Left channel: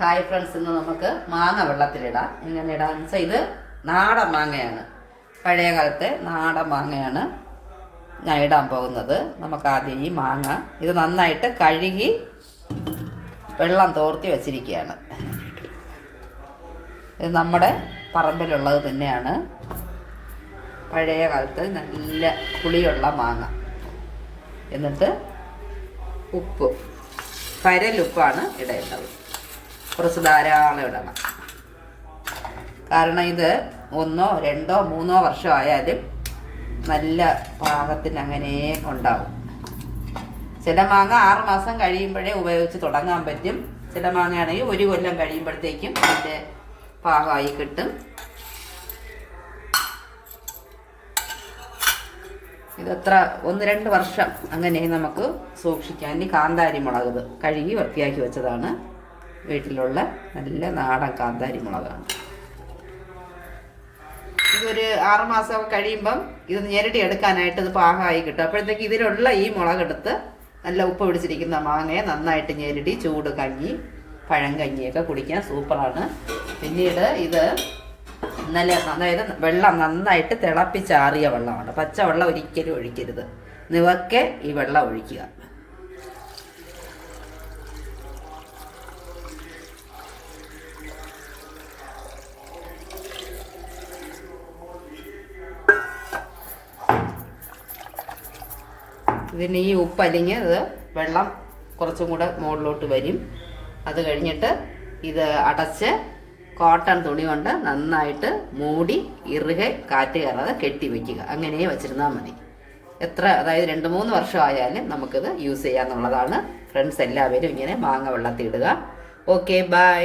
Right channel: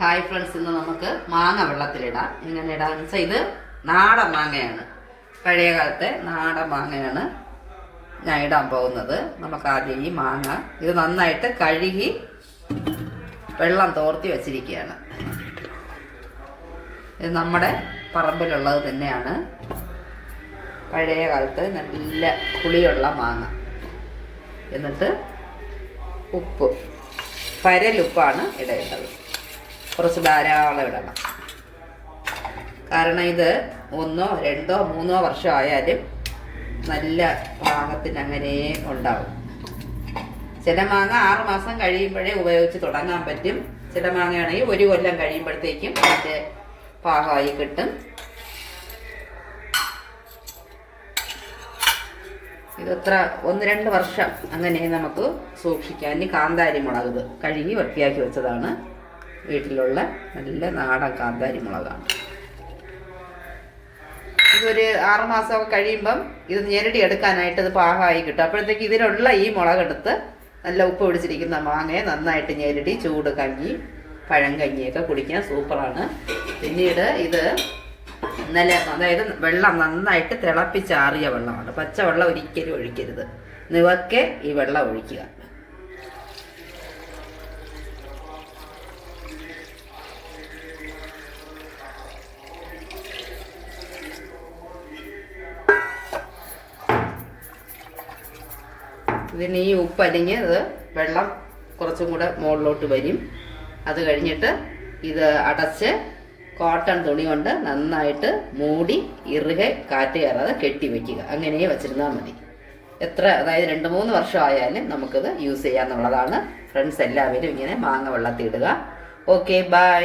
Hi friends, ഇന്ന് നമുക്ക് മാങ്ങ വെള്ളത്തിലിടാം. എങ്ങനെ ഇടാന്ന് വെച്ചാൽ ഇത് നാടൻ മാങ്ങയാണ്, പഴയ കാലത്തെ നാടൻ മാങ്ങയാണ് ഞാൻ ഇടാൻ പോകുന്നത്. നമുക്ക് ആദ്യം ഈ മാങ്ങ ഇത് നന്നായിട്ട് കഴുകി വെള്ളം തോർത്തി വച്ചിരിക്കുകയാണ്. ഇത് നമ്മുടെ പറമ്പിലുള്ളത് തന്നെയാണ്, പഴയ കാലത്ത് നല്ല പുളിയുള്ള മാങ്ങ. എന്നിട്ട് ഉപ്പ്, കരലുപ്പാണ് ഇടേണ്ടത്. കുറച്ച് ധാരാളം ഇടണം, കാരണം ഇത് 1, 2, 3 വർഷം ആയാലും നല്ല പാകത്തിന് അങ്ങനെ ഉണ്ടാവും. ചില മാങ്ങ 6 മാസം കഴിയുമ്പോഴേ ഉപയോഗിച്ച് തുടങ്ങാൻ പറ്റും. ചില മാങ്ങയാണെങ്കിൽ 1 കൊല്ലം കഴിയുമ്പോഴത്തേക്കും അതിൻ്റെ പാകമായി കിട്ടും. ഇതത്ര 1-2 വർഷം അങ്ങനെ നമുക്ക് സൂക്ഷിക്കാൻ. ഇനി കാന്താരി മുളക്, ഇത് കഴുകി വൃത്തിയാക്കി വെച്ചതാണ്, വീട്ടിലുള്ള നല്ല നാടൻ കാന്താരി മുളകാണ്. ഇതൊരു 6 മാസമൊക്കെ കഴിയുമ്പം ഇത് ഞെരടി എടുക്കാനായിട്ട് ഇത് പാകമായി കിട്ടും. അപ്പോഴത്തേക്ക് ഇതിലുള്ള ഈ മുളകെടുത്ത് നല്ല ഉപ്പ് പിടിച്ചിരിക്കുന്ന മാങ്ങയെ നന്നായിട്ട് ഞെരടി ചൂട് കഞ്ഞി, പഴം കഞ്ഞിയൊക്കെ കുടിക്കാൻ സൂപ്പറാണ്. പിന്നീട് ഇത് അതായത് വെള്ളം നന്നായിട്ട് തിളപ്പിച്ചാറിയ വെള്ളമാണ്, പച്ചവെള്ളം ഒരിക്കലും ഒഴിക്കരുത്. നിവക്കെ ഈ വെള്ളം ഒഴിക്കുക. ഇതിന് ഈ ഉപ്പ് അലിഞ്ഞ് ഇത് വെള്ളം കുറച്ചും കൂടെ മുകളിലോട്ട് വരും. അത് കഴിഞ്ഞിട്ട് ഇത് അടച്ച് കോട്ടൺ തുണി കൊണ്ട് നന്നായിട്ട് മൂടി ഇറുകെ കാറ്റ് കയറാതെ കെട്ടി വയ്ക്കുക. അങ്ങനെ വെച്ചിരുന്നാൽ മതി. അതായത് 2-3 വർഷം ആയാലും നമുക്കിത് യൂസ് ചെയ്യാന്നുള്ളതാണ്. ഫ്രണ്ട്സ് എല്ലാവരും ഇങ്ങനെ മാങ്ങ വെള്ളത്തിടുക. Okay, by.